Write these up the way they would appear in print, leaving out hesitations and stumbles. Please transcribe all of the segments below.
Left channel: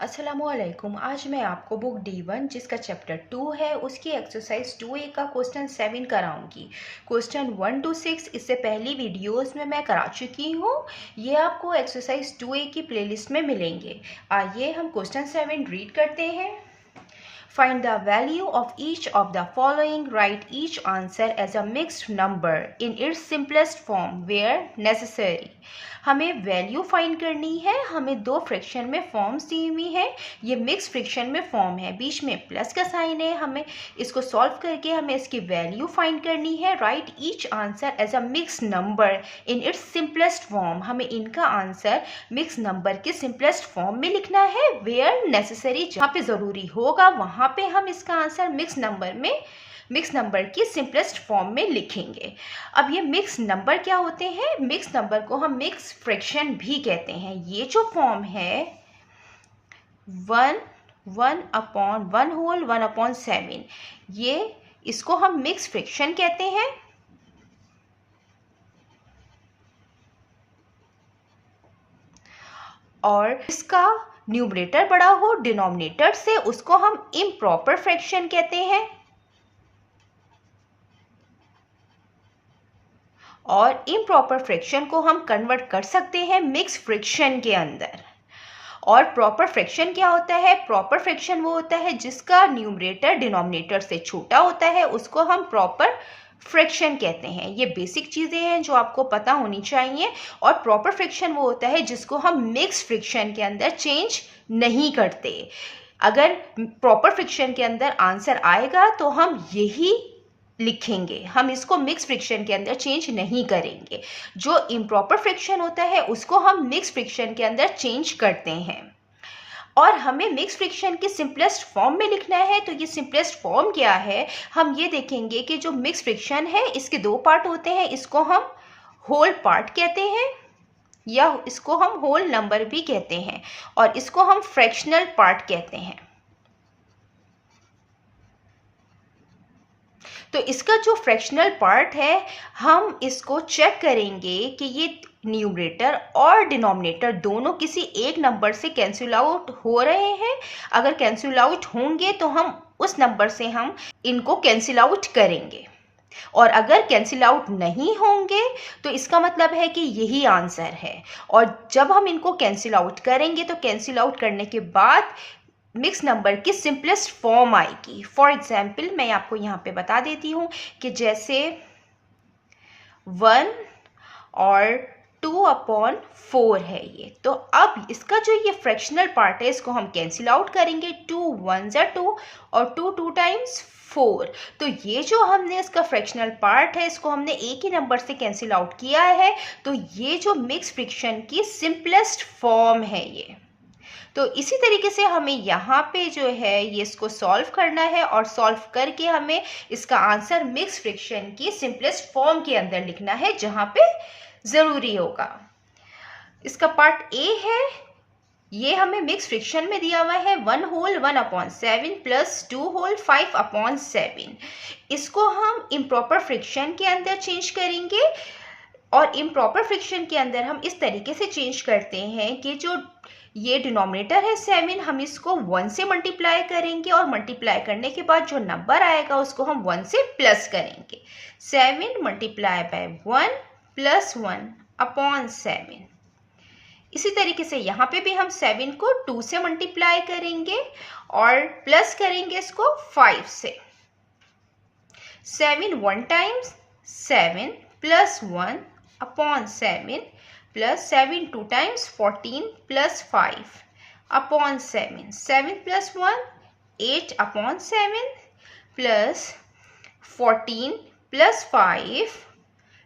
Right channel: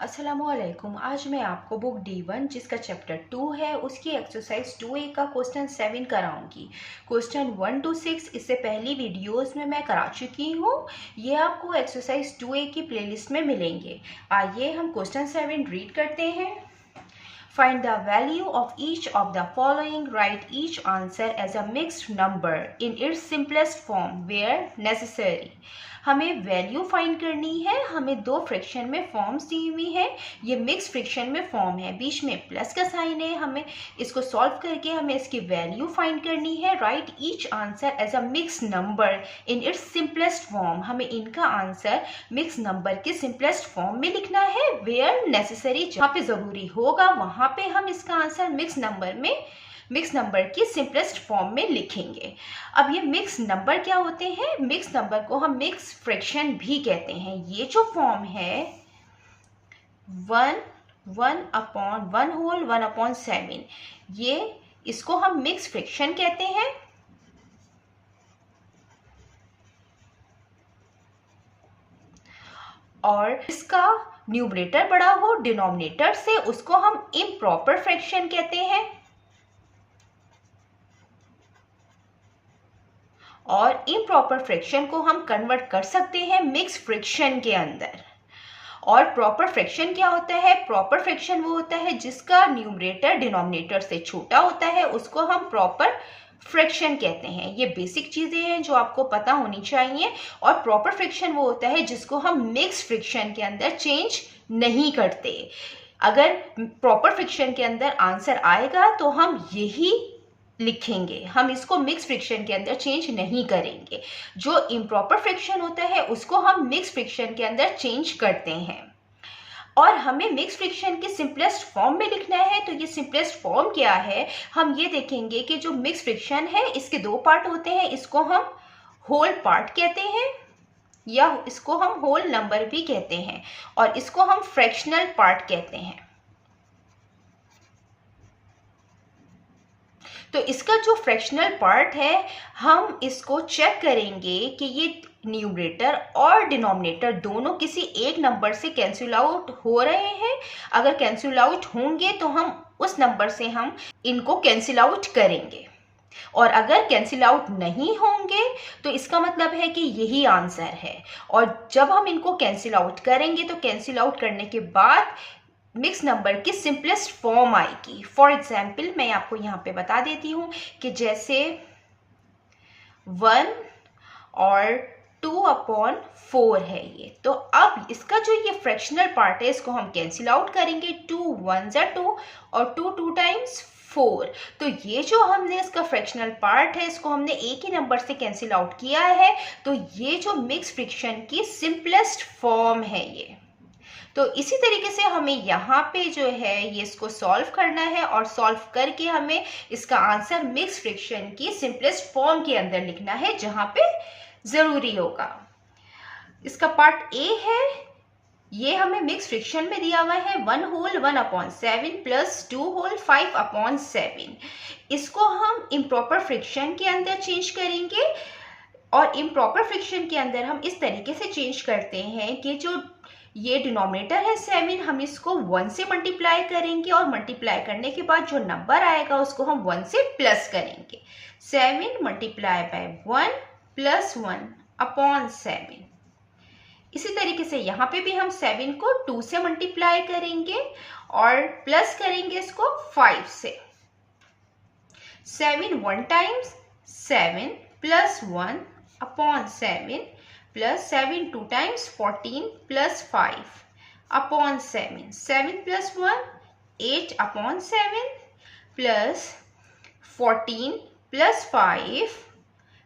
अस्सलामुअलैकुम। आज मैं आपको बुक D1 जिसका चैप्टर 2 है उसकी एक्सरसाइज 2A का क्वेश्चन 7 कराऊंगी। क्वेश्चन 1 to 6 इससे पहली वीडियोस में मैं करा चुकी हूँ। ये आपको एक्सरसाइज 2A की प्लेलिस्ट में मिलेंगे। आइए हम क्वेश्चन 7 रीड करते हैं। Find the value of each of the following. Write each answer as a mixed number in its simplest form where necessary. हमें वैल्यू फाइंड करनी है। हमें दो फ्रैक्शन में फॉर्म्स दी हुई है। ये मिक्स फ्रैक्शन में फॉर्म है, बीच में प्लस का साइन है। हमें इसको सॉल्व करके हमें इसकी वैल्यू फाइंड करनी है। Write each answer as a mix number in its simplest form. हमें इनका आंसर मिक्स नंबर के सिंपलेस्ट फॉर्म में लिखना है। वेयर नेसेसरी, जहाँ पे ज़रूरी होगा वहाँ पे हम इसका आंसर मिक्स नंबर की सिंपलेस्ट फॉर्म में लिखेंगे। अब ये मिक्स नंबर क्या होते हैं? मिक्स नंबर को हम मिक्स फ्रैक्शन भी कहते हैं। ये जो फॉर्म है 1/1/7, ये इसको हम मिक्स फ्रैक्शन कहते हैं। और इसका न्यूमरेटर बड़ा हो डिनोमिनेटर से, उसको हम इम्प्रॉपर फ्रैक्शन कहते हैं। और इम्प्रॉपर फ्रैक्शन को हम कन्वर्ट कर सकते हैं मिक्स फ्रैक्शन के अंदर। और प्रॉपर फ्रैक्शन क्या होता है? प्रॉपर फ्रैक्शन वो होता है जिसका न्यूमरेटर डिनोमिनेटर से छोटा होता है, उसको हम प्रॉपर फ्रैक्शन कहते हैं। ये बेसिक चीज़ें हैं जो आपको पता होनी चाहिए। और प्रॉपर फ्रैक्शन वो होता है जिसको हम मिक्स फ्रैक्शन के अंदर चेंज नहीं करते। अगर प्रॉपर फ्रैक्शन के अंदर आंसर आएगा तो हम यही लिखेंगे, हम इसको मिक्स फ्रैक्शन के अंदर चेंज नहीं करेंगे। जो इम्प्रॉपर फ्रैक्शन होता है उसको हम मिक्स फ्रैक्शन के अंदर चेंज करते हैं। और हमें मिक्स फ्रैक्शन के सिंपलेस्ट फॉर्म में लिखना है। तो ये सिंपलेस्ट फॉर्म क्या है? हम ये देखेंगे कि जो मिक्स फ्रैक्शन है इसके दो पार्ट होते हैं। इसको हम होल पार्ट कहते हैं या इसको हम होल नंबर भी कहते हैं, और इसको हम फ्रैक्शनल पार्ट कहते हैं। तो इसका जो फ्रैक्शनल पार्ट है हम इसको चेक करेंगे कि ये न्यूमरेटर और डिनोमिनेटर दोनों किसी एक नंबर से कैंसिल आउट हो रहे हैं। अगर कैंसिल आउट होंगे तो हम उस नंबर से हम इनको कैंसिल आउट करेंगे। और अगर कैंसिल आउट नहीं होंगे तो इसका मतलब है कि यही आंसर है। और जब हम इनको कैंसिल आउट करेंगे तो कैंसिल आउट करने के बाद मिक्स नंबर की सिंपलेस्ट फॉर्म आएगी। फॉर एग्जाम्पल मैं आपको यहाँ पे बता देती हूँ कि जैसे 1 और 2/4 है ये। तो अब इसका जो ये फ्रैक्शनल पार्ट है इसको हम कैंसिल आउट करेंगे। 2 1 2 और 2 2 टाइम्स 4। तो ये जो हमने इसका फ्रैक्शनल पार्ट है इसको हमने एक ही नंबर से कैंसिल आउट किया है। तो ये जो मिक्स फ्रैक्शन की सिंपलेस्ट फॉर्म है ये। तो इसी तरीके से हमें यहाँ पे जो है ये इसको सॉल्व करना है, और सॉल्व करके हमें इसका आंसर मिक्स फ्रैक्शन की सिंपलेस्ट फॉर्म के अंदर लिखना है जहाँ पे ज़रूरी होगा। इसका पार्ट ए है, ये हमें मिक्स फ्रैक्शन में दिया हुआ है 1/1/7 प्लस 2/5/7। इसको हम इम्प्रॉपर फ्रैक्शन के अंदर चेंज करेंगे। और इम्प्रॉपर फ्रैक्शन के अंदर हम इस तरीके से चेंज करते हैं कि जो ये डिनोमिनेटर है 7, हम इसको 1 से मल्टीप्लाई करेंगे, और मल्टीप्लाई करने के बाद जो नंबर आएगा उसको हम 1 से प्लस करेंगे। 7 मल्टीप्लाई बाय 1 प्लस 1/7। इसी तरीके से यहाँ पे भी हम 7 को 2 से मल्टीप्लाई करेंगे और प्लस करेंगे इसको 5 से। 7 1 times 7 plus 1/7 plus 7 2 times 14 plus 5/7। 7 plus 1 8/7 plus 14 plus 5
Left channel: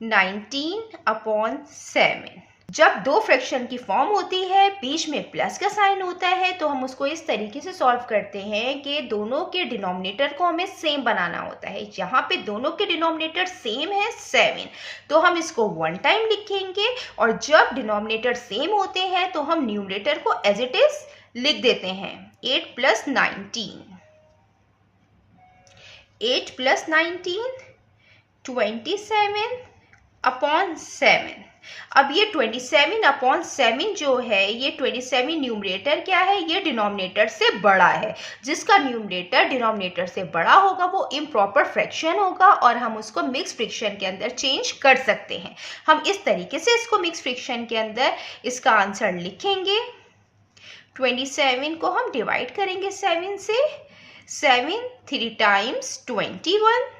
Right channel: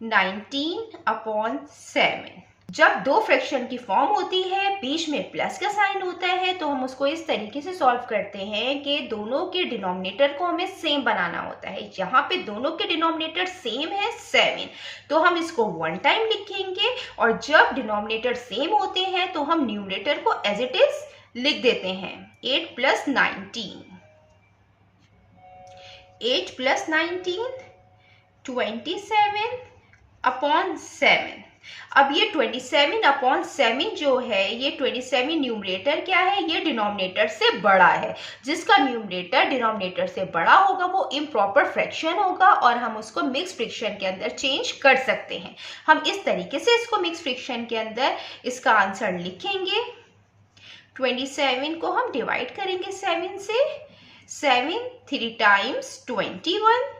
19/7। जब दो फ्रैक्शन की फॉर्म होती है बीच में प्लस का साइन होता है तो हम उसको इस तरीके से सॉल्व करते हैं कि दोनों के डिनोमिनेटर को हमें सेम बनाना होता है। यहाँ पे दोनों के डिनोमिनेटर सेम है 7, तो हम इसको 1 टाइम लिखेंगे। और जब डिनोमिनेटर सेम होते हैं तो हम न्यूमरेटर को एज इट इज लिख देते हैं। 8 + 19 8 + 19 27/7। अब ये 27/7 जो है, ये 27 न्यूमरेटर क्या है, ये डिनोमिनेटर से बड़ा है। जिसका न्यूमरेटर डिनोमिनेटर से बड़ा होगा वो इम्प्रॉपर फ्रैक्शन होगा और हम उसको मिक्स फ्रैक्शन के अंदर चेंज कर सकते हैं। हम इस तरीके से इसको मिक्स फ्रैक्शन के अंदर इसका आंसर लिखेंगे। 27 को हम डिवाइड करेंगे 7 से। 7 3 टाइम्स 21,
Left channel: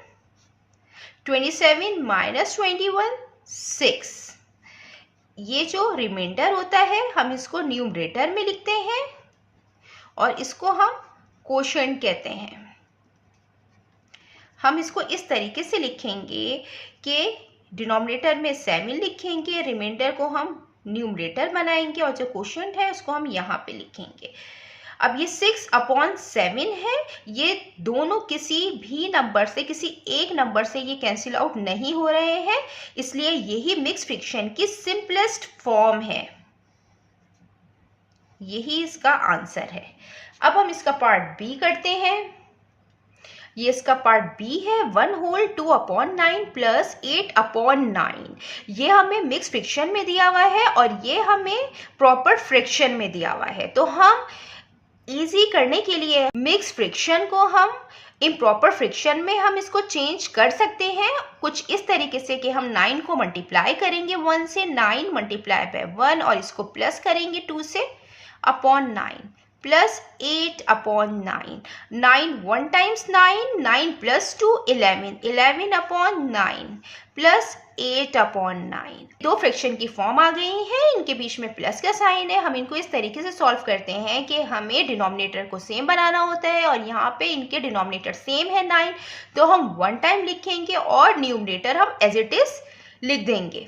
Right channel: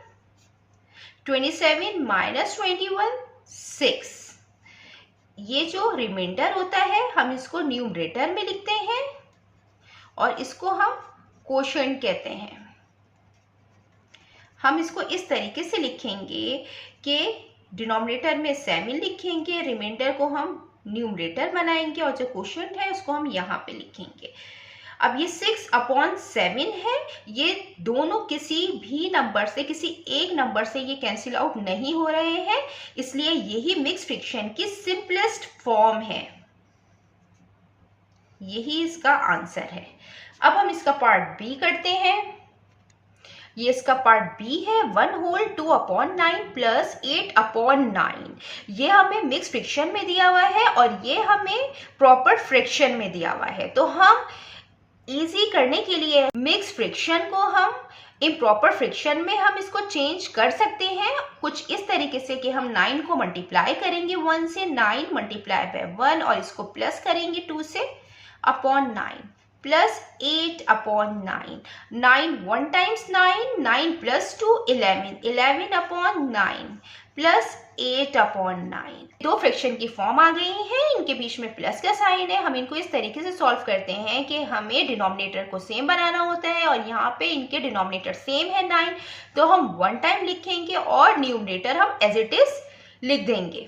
27 माइनस 21 6। ये जो रिमाइंडर होता है हम इसको न्यूमरेटर में लिखते हैं और इसको हम कोशेंट कहते हैं। हम इसको इस तरीके से लिखेंगे कि डिनोमिनेटर में 7 लिखेंगे, रिमाइंडर को हम न्यूमरेटर बनाएंगे और जो कोशेंट है उसको हम यहाँ पे लिखेंगे। अब ये 6/7 है, ये दोनों किसी भी नंबर से, किसी एक नंबर से ये कैंसिल आउट नहीं हो रहे हैं, इसलिए यही मिक्स फ्रैक्शन की सिंपलेस्ट फॉर्म है। यही इसका आंसर है। अब हम इसका पार्ट बी करते हैं। ये इसका पार्ट बी है। 1/2/9 प्लस 8/9। ये हमें मिक्स फ्रैक्शन में दिया हुआ है और ये हमें प्रॉपर फ्रैक्शन में दिया हुआ है। तो हम इजी करने के लिए मिक्स फ्रैक्शन को हम इम्प्रॉपर फ्रैक्शन में हम इसको चेंज कर सकते हैं कुछ इस तरीके से कि हम 9 को मल्टीप्लाई करेंगे 1 से, 9 मल्टीप्लाई बाय 1 और इसको प्लस करेंगे 2 से upon 9 plus 8/9। 9 1 times 9, 9 plus 2 11, 11/9 plus 8/9। दो फ्रैक्शन की फॉर्म आ गई है, इनके बीच में प्लस का साइन है। हम इनको इस तरीके से सॉल्व करते हैं कि हमें डिनोमिनेटर को सेम बनाना होता है और यहाँ पे इनके डिनोमिनेटर सेम है 9, तो हम 1 टाइम लिखेंगे और न्यूमरेटर हम एज इट इज लिख देंगे।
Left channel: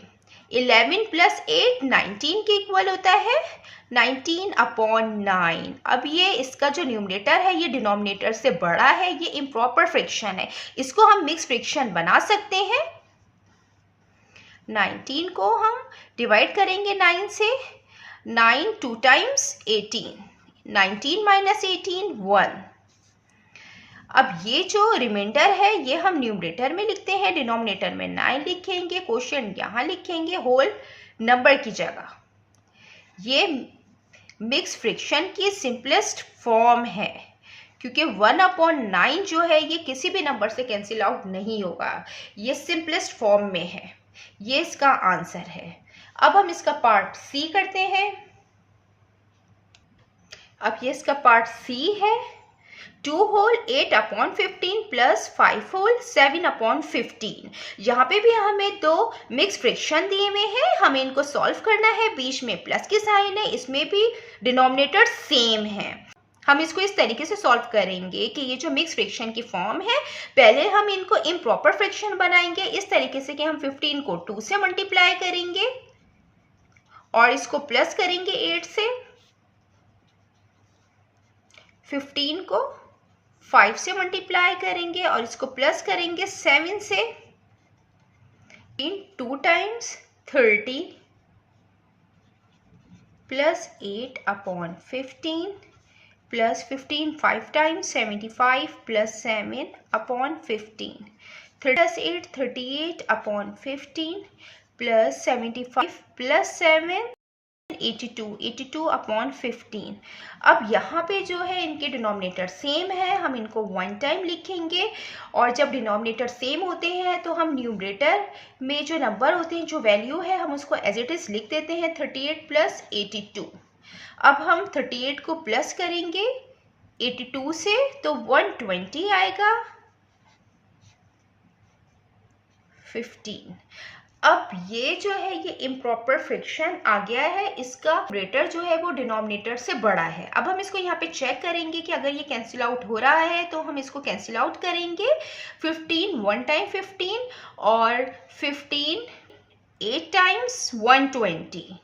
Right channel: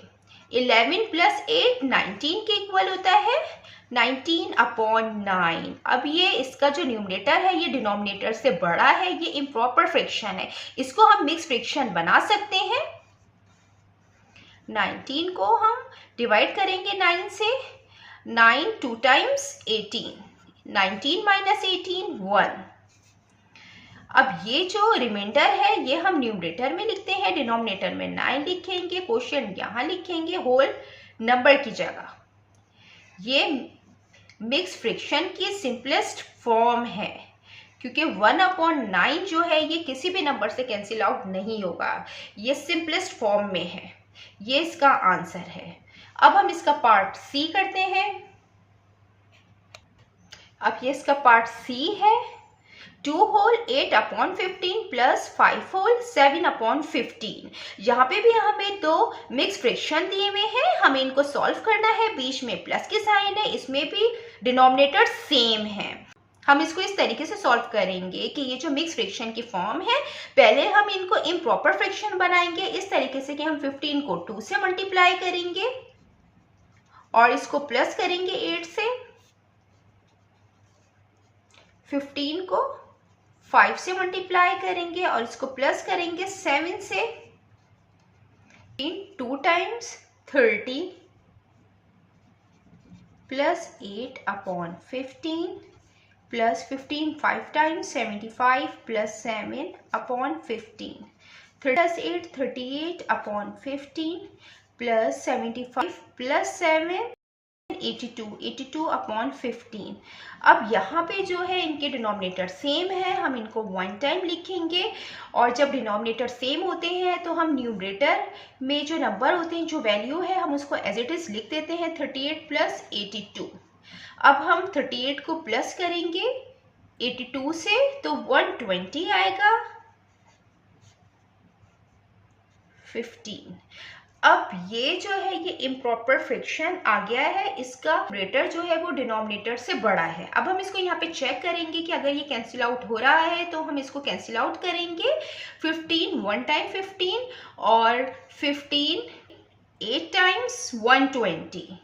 11 प्लस 8 19 के इक्वल होता है, 19/9। अब ये इसका जो न्यूमरेटर है ये डिनोमिनेटर से बड़ा है, ये इम्प्रॉपर फ्रैक्शन है, इसको हम मिक्स फ्रैक्शन बना सकते हैं। 19 को हम डिवाइड करेंगे 9 से। 9 2 टाइम्स 18, 19 माइनस 18 1। अब ये जो रिमाइंडर है ये हम न्यूमरेटर में लिखते हैं, डिनोमिनेटर में 9 लिखेंगे, क्वोशिएंट यहाँ लिखेंगे होल नंबर की जगह। ये मिक्स फ्रैक्शन की सिंपलेस्ट फॉर्म है क्योंकि 1/9 जो है ये किसी भी नंबर से कैंसिल आउट नहीं होगा, ये सिंपलेस्ट फॉर्म में है। ये इसका आंसर है। अब हम इसका पार्ट सी करते हैं। अब ये इसका पार्ट सी है। 2 होल 8/15 प्लस 5 होल 7/15। यहाँ पे भी हमें दो मिक्स फ्रैक्शन दिए हुए हैं, हमें इनको सॉल्व करना है। बीच में प्लस की साइन है, इसमें भी डिनोमिनेटर सेम है। हम इसको इस तरीके से सॉल्व करेंगे कि ये जो मिक्स फ्रैक्शन की फॉर्म है, पहले हम इनको इम्प्रॉपर फ्रैक्शन बनाएंगे इस तरीके से कि हम 15 को 2 से मल्टीप्लाई करेंगे और इसको प्लस करेंगे 8 से। 15 को 5 से मल्टीप्लाई करेंगे और इसको प्लस करेंगे 7 से। 2 times 30 plus 8/15 plus 15 5 times 75 plus 7/15। 8 38/15 plus 75 plus 7 82/15। अब यहाँ पे जो है इनके डिनोमिनेटर सेम है, हम इनको 1 टाइम लिखेंगे और जब डिनोमिनेटर सेम होते हैं तो हम न्यूमरेटर में जो नंबर होते हैं, जो वैल्यू है, हम उसको एज इट इज लिख देते हैं 38 प्लस 82। अब हम 38 को प्लस करेंगे 82 से तो 120 आएगा 15। अब ये जो है ये इम्प्रॉपर फ्रैक्शन आ गया है, इसका न्यूमरेटर जो है वो डिनोमिनेटर से बड़ा है। अब हम इसको यहाँ पे चेक करेंगे कि अगर ये कैंसिल आउट हो रहा है तो हम इसको कैंसिल आउट करेंगे। 15 1 टाइम 15 और 15 8 टाइम्स 120।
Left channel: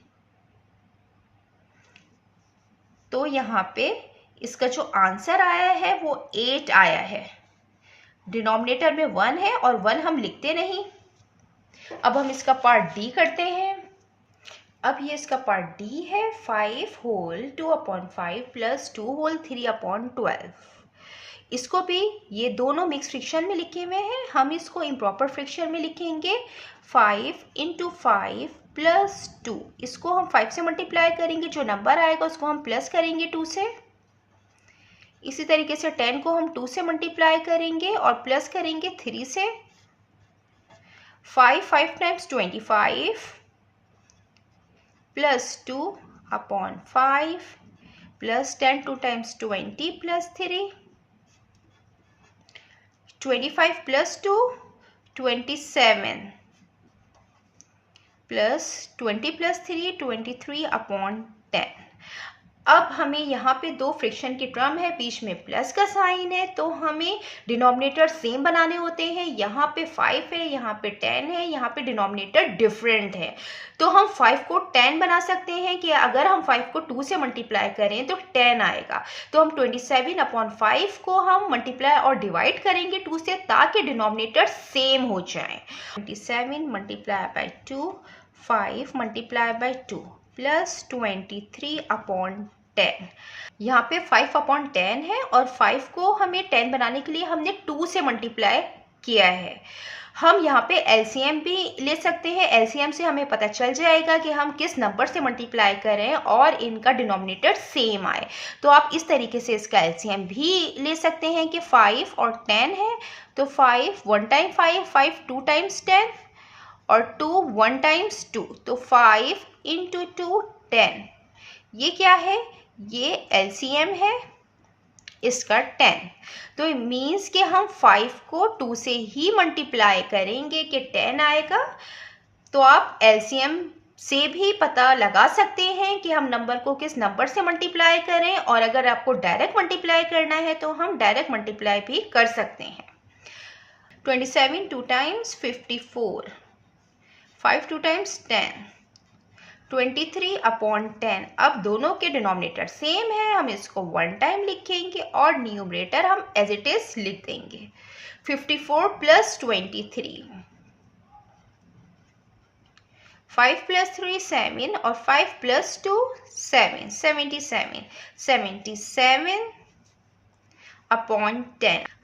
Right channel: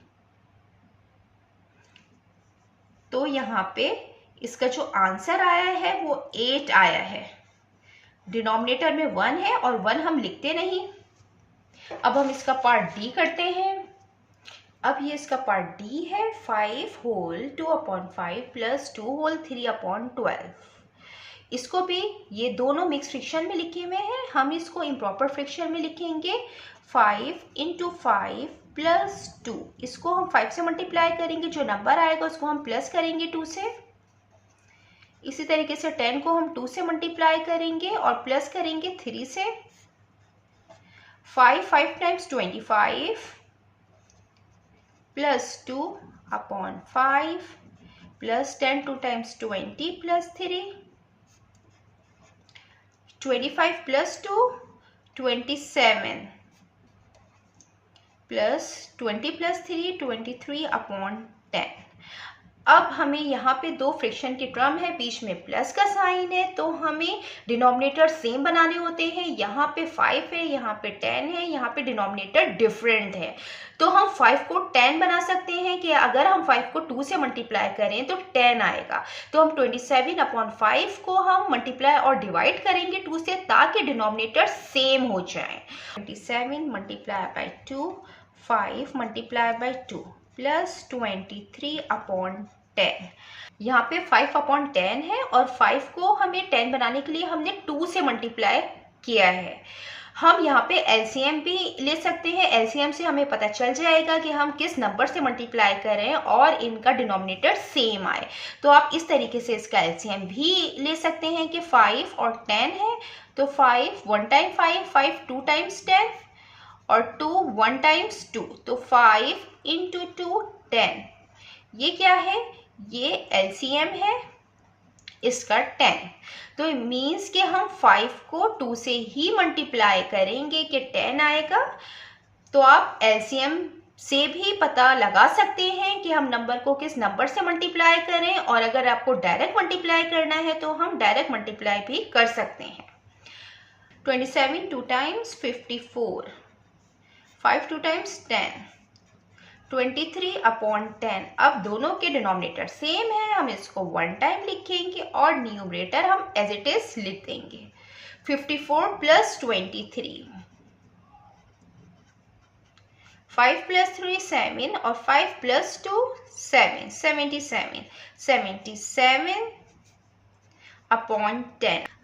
तो यहाँ पे इसका जो आंसर आया है वो 8 आया है। डिनोमिनेटर में 1 है और 1 हम लिखते नहीं। अब हम इसका पार्ट डी करते हैं। अब ये इसका पार्ट डी है। 5 होल 2/5 प्लस 2 होल 3/12। इसको भी ये दोनों मिक्स फ्रैक्शन में लिखे हुए हैं, हम इसको इम्प्रॉपर फ्रैक्शन में लिखेंगे। 5 × 5 +2, इसको हम 5 से मल्टीप्लाई करेंगे, जो नंबर आएगा उसको हम प्लस करेंगे 2 से। इसी तरीके से 10 को हम 2 से मल्टीप्लाई करेंगे और प्लस करेंगे 3 से। 5 times 25 +2 upon 5 plus 10 2 times 20 plus 3, 25 + 2 27 plus 20 + 3 23 upon 10। अब हमें यहाँ पे दो फ्रैक्शन की टर्म है, बीच में प्लस का साइन है, तो हमें डिनोमिनेटर सेम बनाने होते हैं। यहाँ पे 5 है, यहाँ पे 10 है, यहाँ पे डिनोमिनेटर डिफरेंट है। तो हम 5 को 10 बना सकते हैं कि अगर हम 5 को 2 से मल्टीप्लाई करें तो 10 आएगा। तो हम 27/5 को हम मल्टीप्लाई और डिवाइड करेंगे 2 से, ताकि डिनोमिनेटर सेम हो जाए। 27 × 2 5 × 2 प्लस 23/10। यहाँ पे 5/10 है और 5 को हमें 10 बनाने के लिए हमने 2 से मल्टीप्लाई किया है। हम यहाँ पे एलसीएम भी ले सकते हैं। एलसीएम से हमें पता चल जाएगा कि हम किस नंबर से मल्टीप्लाई करें और इनका डिनोमिनेटर सेम आए। तो आप इस तरीके से इसका एलसीएम भी ले सकते हैं कि 5 और 10 है, तो 5 1 टाइम 5, 5 2 टाइम्स 10 और 2 1 टाइम्स 2, तो 5 × 2 10। ये क्या है? ये एलसीएम है इसका 10। तो मीन्स कि हम 5 को 2 से ही मल्टीप्लाई करेंगे कि 10 आएगा। तो आप एलसीएम से भी पता लगा सकते हैं कि हम नंबर को किस नंबर से मल्टीप्लाई करें, और अगर आपको डायरेक्ट मल्टीप्लाई करना है तो हम डायरेक्ट मल्टीप्लाई भी कर सकते हैं। 27 2 टाइम्स 54, 5 2 टाइम्स 10, 23/10। अब दोनों के डिनोमिनेटर सेम है, हम इसको 1 टाइम लिखेंगे और न्यूमरेटर हम एज इट इज लिख देंगे। 54 + 23, 5 + 3 7 और 5 + 2 7, 77/10।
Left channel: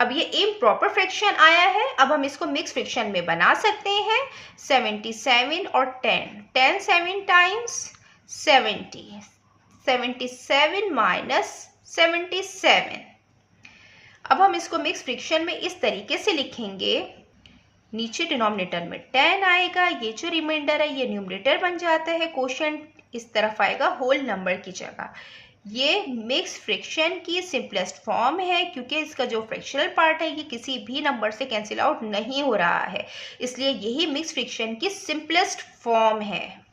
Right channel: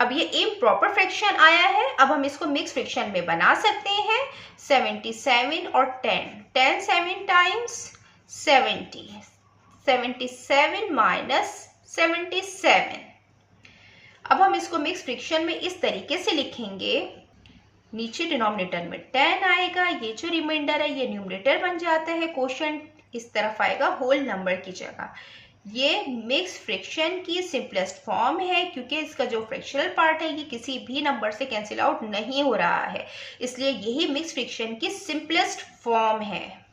अब ये इम्प्रॉपर फ्रैक्शन आया है, अब हम इसको मिक्स फ्रैक्शन में बना सकते हैं। 77 और 10, 10 7 टाइम्स 70, 77 - 77। अब हम इसको मिक्स फ्रैक्शन में इस तरीके से लिखेंगे, नीचे डिनोमिनेटर में 10 आएगा, ये जो रिमाइंडर है ये न्यूमरेटर बन जाता है, कोशेंट इस तरफ आएगा होल नंबर की जगह। ये मिक्स फ्रैक्शन की सिंपलेस्ट फॉर्म है, क्योंकि इसका जो फ्रैक्शनल पार्ट है ये किसी भी नंबर से कैंसिल आउट नहीं हो रहा है, इसलिए यही मिक्स फ्रैक्शन की सिंपलेस्ट फॉर्म है।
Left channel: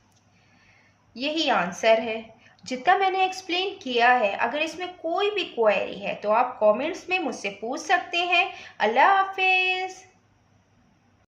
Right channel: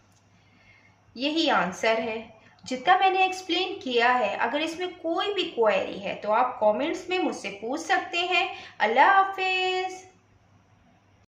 यही आंसर है। जितना मैंने एक्सप्लेन किया है, अगर इसमें कोई भी क्वेरी है तो आप कमेंट्स में मुझसे पूछ सकते हैं। अल्लाह हाफिज।